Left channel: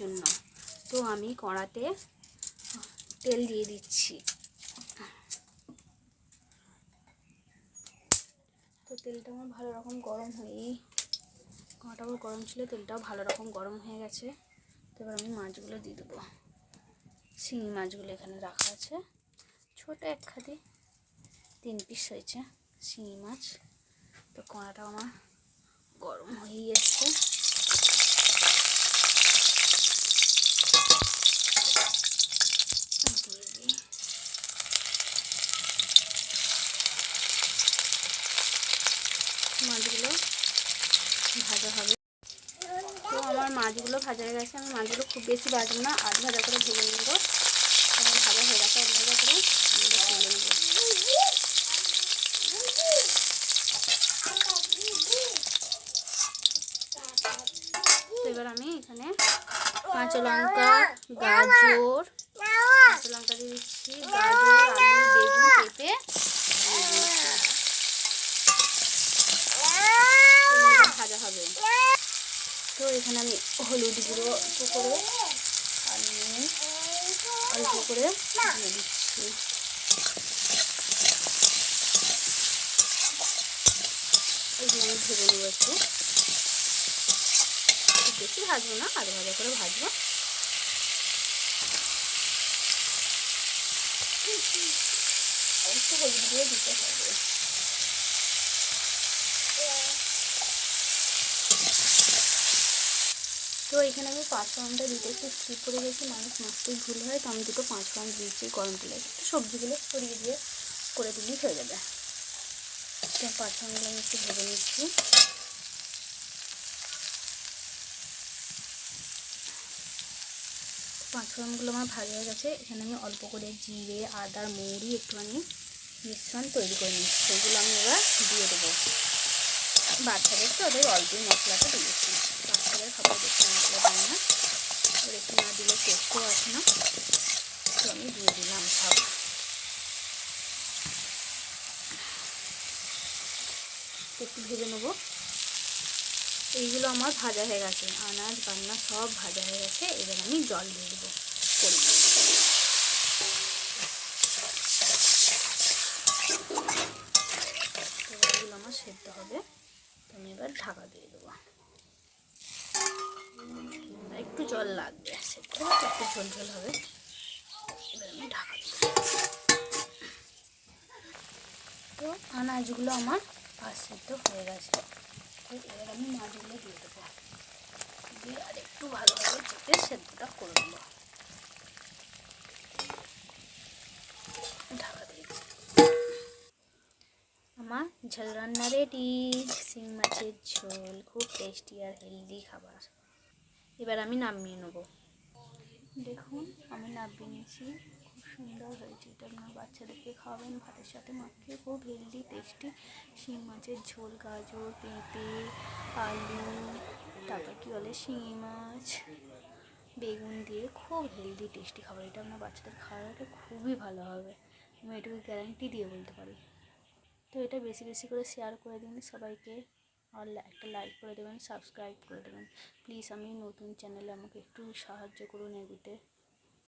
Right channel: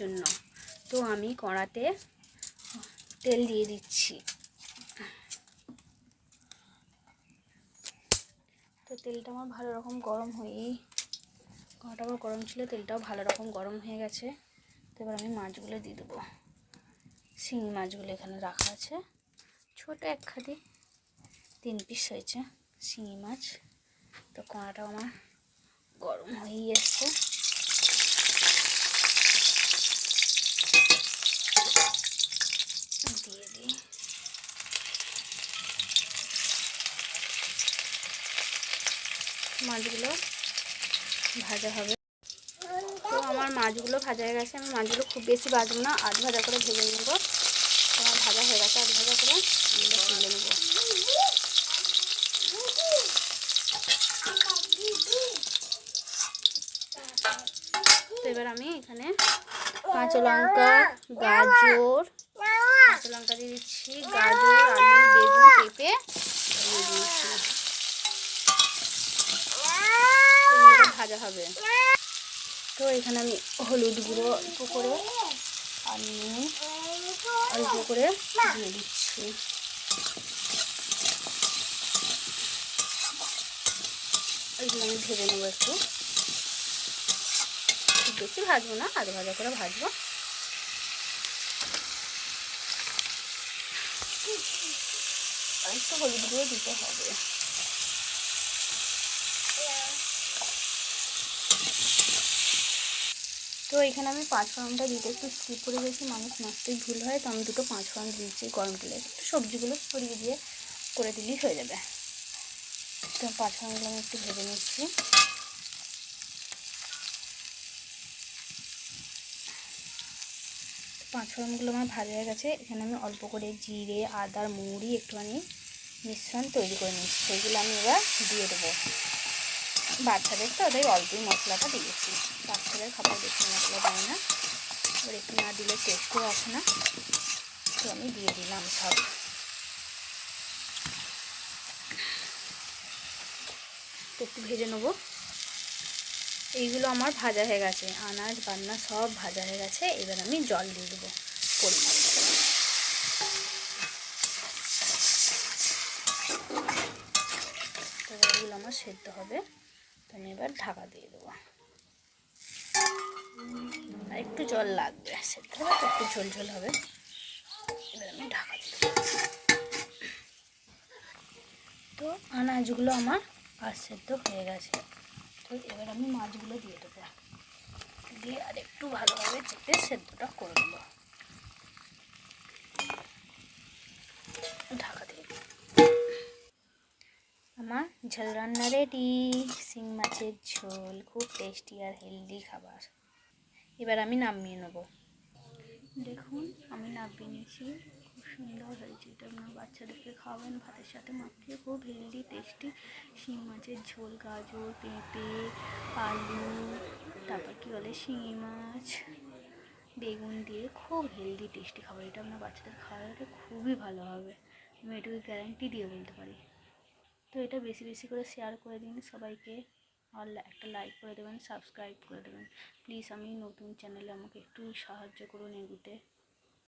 জন্য। তো আমি কড়াতে তেল দিয়ে দিচ্ছি। তো তেলটা আমার ভালো রকম গরম হয়েই কড়াটা আমার গরম ছিল, তেলটাও ভালো রকম গরম হয়ে গেছে। তো এবার আমি মাছগুলো দিয়ে দেবো। শিঙি মাছগুলো এখানে রাখা আছে। ছোট এক খাদি তিন পিস হয়েছে শিঙি মাছ। তো কড়াটাও আমার গরম হয়েই এসছে দিয়ে দিই মাছগুলো ভাজা হবে। তো আমার মাছগুলো ভাজা হয়ে গেছে। আমি মাছগুলো খুব বেশি ভাজবো না, আধ ভাজা করে ভেজে নেব। আমার ভাজা হয়ে গেছে, আধ ভাজা করে তুলে নেব। এবার আমি এখানে কাঁচা লঙ্কা, গাজর, কাঁচা লঙ্কা দিয়ে দিচ্ছি গাজর আলু বেগুন পেঁপে দিয়ে দিয়েছি এগুলো ভাজা হবে। তো এখানে আমি হলুদ গুঁড়ো অল্প করে আর নুন অল্প করে দিয়ে দিচ্ছি। এগুলো আমি নেব একটু। বেশি ভাজবো না আধ ভাজা করে ভাজবো। একটু হলুদ গুঁড়ো দিতে হবে। তো এখানে আমি পাঁচ ফোড়নটা দিতে একটু স্কিপ করে গেছি মানুষ মাছতেই ভুল হয়, তো আমি দুটো পাঁচ ফোড়ন দিয়েছি গরম তেলে। একটু সবজিগুলো ছড়িয়ে দিয়ে করে দিলেই হয়ে যাবে। তো পাঁচ ফোড়নগুলো আমি একটু ভেজে নিচ্ছি। পাঁচ ফোড়নগুলো আমার ভাজা হয়ে গেছে, এখানে আমি অল্প করে জিরে আদার মৌরি একটুখানি মিশ্রণ তৈরি করে নিচ্ছি। সেগুলো আমি এবার দিয়ে দেবো। বাচ্চাদের তো ওদের অল্পই মশলাটা দিয়েছি। বাচ্চাদের খাবার বেশি মশলা দেয় না। এবার একটু না দিলে টেস্টও আসে না। তো আমি দিয়ে দিলাম সব। একটু ভেজে নেব। এইগুলো আমার ভাজা হয়ে গেছে। আনাজ, বান্না সব ভাজা হয়ে গেছে। এবার আমি জল দিয়ে দেবো পরিমাণ এগুলো আমার সেদ্ধ হবে। আমি এবার ঢাকা দিয়ে দেবো। একটু জল লাগবে, সেদ্ধ একটু ঝোল ঝোল হবে। এবার আমি ঢাকা দিয়ে তো আনাজগুলো আমার আর সেদ্ধ হয়ে গেছে। তো এবার আমি মাছগুলো দিয়ে দেবো। দিয়ে আর একটু ভালোভাবে চেপে সেদ্ধটা করে দেবো ঝোল রান্না রেডি শিং মাছের ঝোল, খুব টেস্টি আর হেলদি খাবার। এবার আমি নামিয়ে নেব। দেখুন, আমি নামিয়ে নিয়েছি। খুব সুন্দর হয়েছে এটা। আপনার বাচ্চাদেরকে খাওয়াবেন ভাতের সাথে মাখিয়ে। খুব হেলদি টেস্টি শিং মাছের ঝোল, গাজর, পেঁপে, আলু, তারপর কী বলে শিঙি মাছ, বেগুন দিয়ে খুব হেলদি টেস্টি খাবার। এটা আপনার বাচ্চাদের খাওয়াটা খুবই ভালো হবে। আমি এটুকু গ্যারান্টি দিয়ে বলতে পারি। তো এটা বেশি বেশি করে শেয়ার করে দিন সবাইকে। আর একটা লাইক করে দেবেন সাবস্ক্রাইব করে দেবেন। প্লিজ আমি নতুন চ্যানেলে আমাকে একটু সাহায্য করুন এগুতে।